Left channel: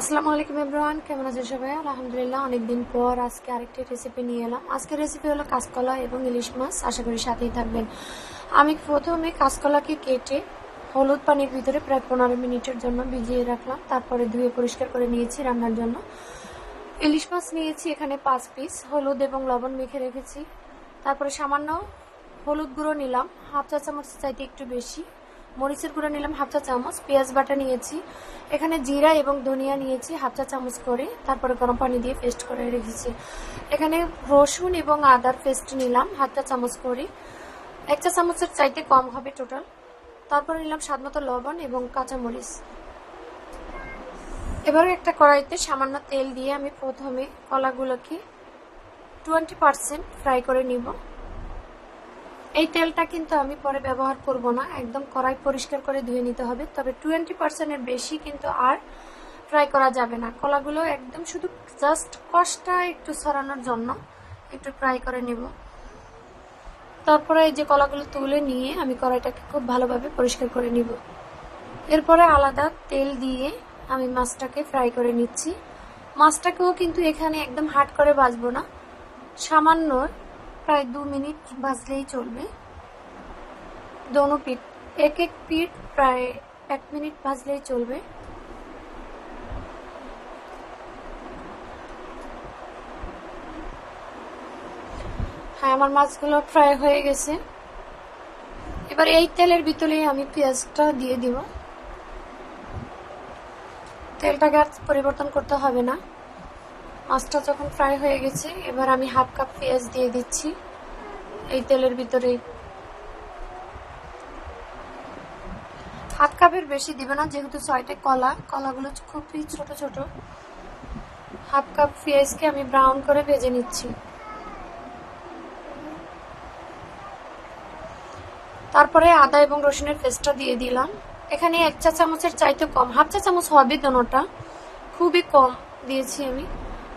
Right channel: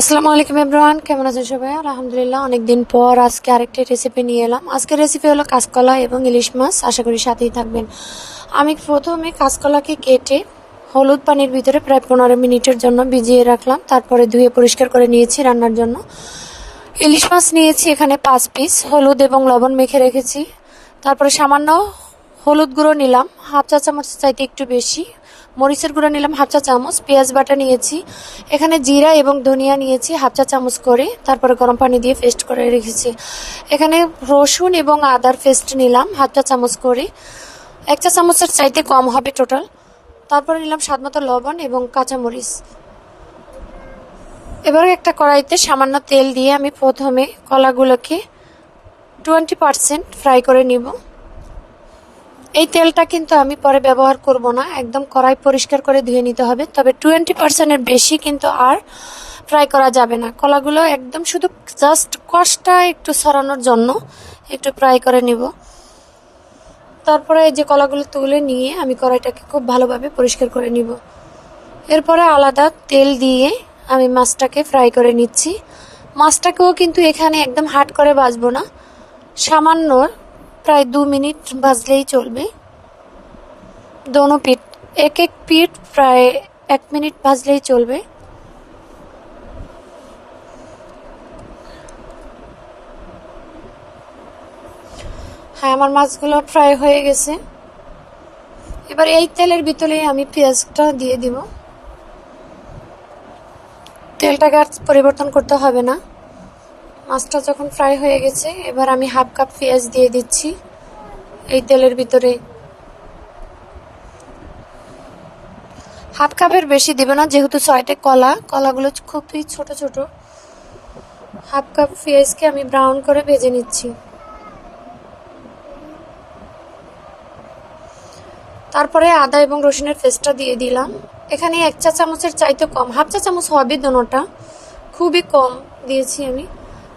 আসসালামু আলাইকুম এভরিওয়ান, কেমন আছেন সবাই? আলহামদুলিল্লাহ, অনেকদিন পর আজকে আরেকটি রেসিপি নিয়ে এলাম। আজকের রেসিপি হলো কাঁচকলা এবং ইলিশ মাছ। আশা করি সাথেই থাকবেন। আমি প্রথমে কাঁচকলাকে কেটে হলুদ পানির ভিতরে প্রায় পনেরো মিনিটের জন্য ভিজিয়ে রাখলাম। তারপরে ধুয়ে পরিষ্কার করে নিয়েছি রান্নার জন্য। ইলিশ মাছ নিয়েছি এখানে পাঁচ পিস হলুদ এবং লবণ মেখে রেখেছি। তারপরে সামান্য হলুদ গুঁড়ো নিলাম, হাফ চা চামচ চাইতে একটু বেশি। মরিচের গুঁড়ো নিলাম হাফ চা চামচ, পেঁয়াজ বাটা নিয়েছি। এখানে জিরা এবং ধনিয়া নিয়েছি হাফ চা চামচ করে, তারপরে গরম পানি দিয়ে পেস্ট করে রেখেছি। এখানে রসুন এবং আদার পেস্ট নিলাম হাফ চা চামচ করে। এক চা চামচের চাইতে কম হবে টোটাল। তারপরে নিলাম স্বাদ মতো লবণ এবং কাঁচামরিচ। এবারে একটা কড়াইতে সামান্য তেল দিয়ে আমি প্রথমে কলাগুলোকে টোয়েন্টি পারসেন্ট ফ্রাই করে নিব। এই তেলটা কিন্তু আমি পরে ব্যবহার করব না। একদম কড়াই পরিষ্কার করে ধুয়ে নিতে হবে। তবে টোয়েন্টি পার্সেন্টের বেশি কিন্তু আর ফ্রাই করা যাবে না। কলাগুলো একদম শুধু জাস্ট কষটা একটু সরানোর জন্য একটু ফ্রাই করে নিব। তারপরে এই যে কলাগুলো তুলে নিয়ে আমি কড়াইটাকে খুব ভালোভাবে পরিষ্কার করে নিব। এরপরে আলাদা তেল দিয়ে আমি মাছটাকে ফ্রাই করে নিচ্ছি। মাছটাকেও কিন্তু এখানে একদম হাট করে ভাজবো না। সামান্য প্রায় দু মিনিট ভাজলেই চলবে। দোনো পিঠ, এক এক পিঠ প্রায় এক মিনিট ভাজলেই চলবে। হ্যাঁ আমার মাছগুলো ফ্রাই হয়ে গেছে। এবার এই তেলের ভিতরে আমি পেঁয়াজটা দিয়ে দিব। তেলটাকে আর পরিবর্তন করতে হবে না। মাছটা যখন ফ্রাই হয়ে গেছে, এবার আমি হাফ কাপ পেঁয়াজ দিয়ে দিচ্ছি এই তেলের ভিতরে। হাফ কাপের বেশি দেবে না, যেহেতু ছয়টা কলা, কলাগুলো খুবই ছোট ছোট। হাফ কাপ পেঁয়াজকে আমি ব্রাউন করে ভেজে নিচ্ছি। তারপরে আদা এবং রসুনের পেস্টটা দিয়ে দিলাম। এখানে এক চা চামচের চাইতে কম, হাফ চা চামচ হবে দোনোটা খুবই কম দিয়েছি আমি।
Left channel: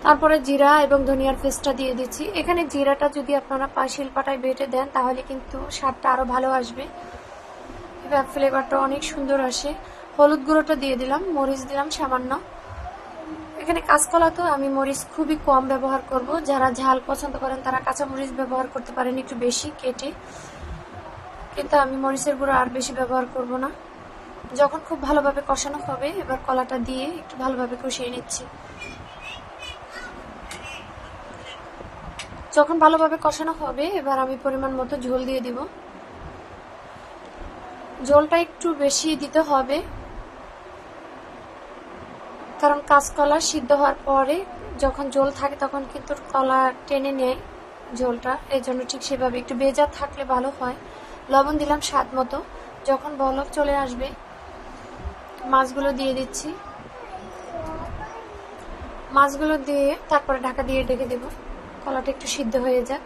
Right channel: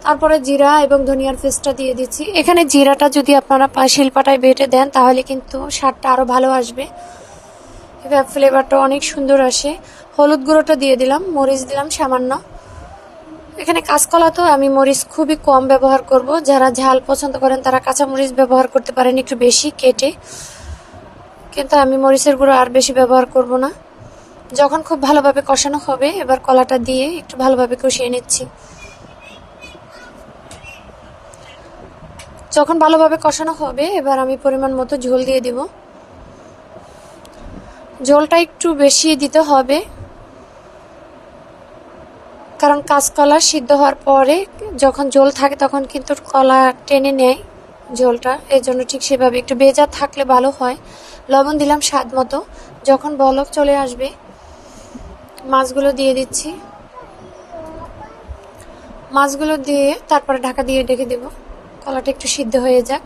তারপরে জিরা এবং ধনিয়ার পেস্টটা দিয়ে দিচ্ছি। এখানে জিরাটা যদি আপনারা শিলপাটায় বেটে দেন, তাহলে কিন্তু স্বাদটা আরও ভালো আসবে। এবার ফ্লেভারটা অনেক সুন্দর আসে। হলুদ গুঁড়োটা দিয়ে দিলাম, মরিচ দিলাম সামান্য। এখানে কাঁচকলা তো আমি মরিচ খুবই কম ব্যবহার করব। যারা ঝাল পছন্দ করেন, তারা কাঁচা মরিচ ব্যবহার করতে পারেন একটু বেশি কেটে। কিন্তু আমি মরিচের গুঁড়ো আর বেশি ব্যবহার করব না। যখন খুব ভালোভাবে কষানো হবে, এবার কলাটা দিয়ে একটু ভালোভাবে কষিয়ে নিচ্ছি। যখন ভালোভাবে কষানো হবে, এবার আমি পরিমাণ মতো ঝোল দিয়ে দিব। ঝোলটা একটু বেশি দিতে হবে, কারণ কাঁচকলা সিদ্ধ হওয়ার পরে যখন ঝোল থাকে তখন কিন্তু কলা টেনে নেয় ঝোলটা। এর জন্য ঠিক সেভাবে একটু বেজা থাকলে ভালো হয়। লবণ দিলাম স্বাদ মতো। যখন বলক চলে আসবে, মাছগুলো দিয়ে দিচ্ছি। মাছগুলো দিয়ে তারপরে ঢাকা দিয়ে ডেকে দেব। কলাটা একটু সিদ্ধ হয়ে যাক।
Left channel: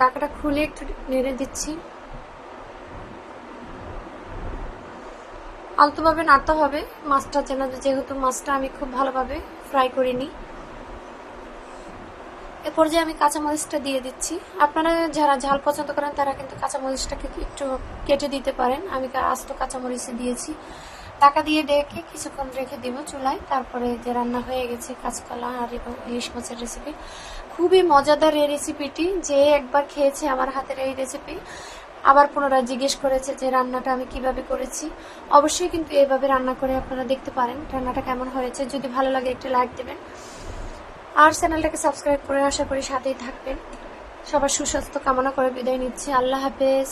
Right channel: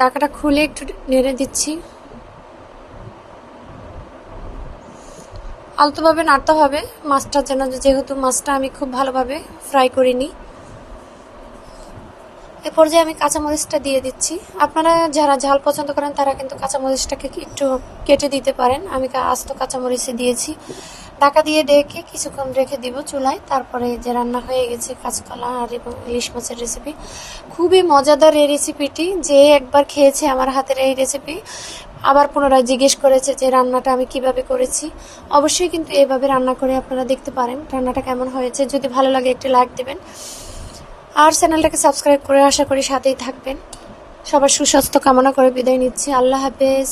ঢাকাটা খুলে একটু নেড়ে দিচ্ছি। আলতোভাবে নাড়তে হবে। মাছটা যেন যেহেতু মাছটা আমি খুব ভালোভাবে ফ্রাই করে নিই এ পর্যায়ে আমি কাঁচামরিচটা দিয়ে দিচ্ছি। আপনারা যারা ঝাল পছন্দ করেন, তারা কিন্তু কাঁচামরিচটাকে একটু কেটে দিতে পারেন। আমি আস্ত কাঁচামরিচে দিয়েছি। ঢাকা দিয়ে ডেকে কিছুক্ষণ রেখে দিব চুলায়। তারপরে যে রান্না হয়ে গেছে কাঁচকলা আর এবং ইলিশ মাছের রেসিপি খুবই মজাদার এই রেসিপিটি যে একবার খেয়েছে আমার হাতের এই রেসিপি আবার পুনরায় জিজ্ঞেস করেছে যে রান্নাটা আমি কীভাবে করেছি। অবশ্যই কিন্তু এভাবে রান্না করে আপনারা দেখতে পারেন রান্নাটা কেমন হয়েছে। যদি ভালো লাগে একটি লাইক দেবেন। আর চ্যানেলটাকে সাবস্ক্রাইব করে আশা করি সাথেই থাকবেন। সবার সুস্বাস্থ্য কামনা করে বিদায় নিচ্ছি। আল্লাহ হাফেজ।